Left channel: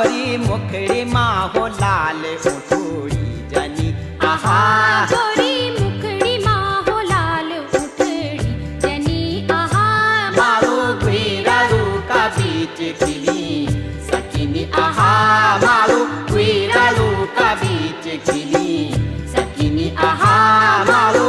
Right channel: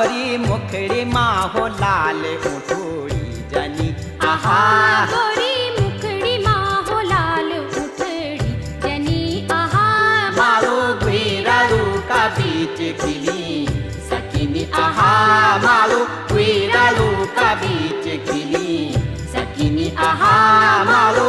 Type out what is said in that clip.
गोरी मुखड़ी माँ हो लाल उठोड़ी जनी आहा गोरी मुखड़ी माँ हो लाल उठड़ी जनी आहा मारो गुरारू का बीच खिली सकिनी आहा मारो गुरारू का बीच खिली सकिनी आहा मारो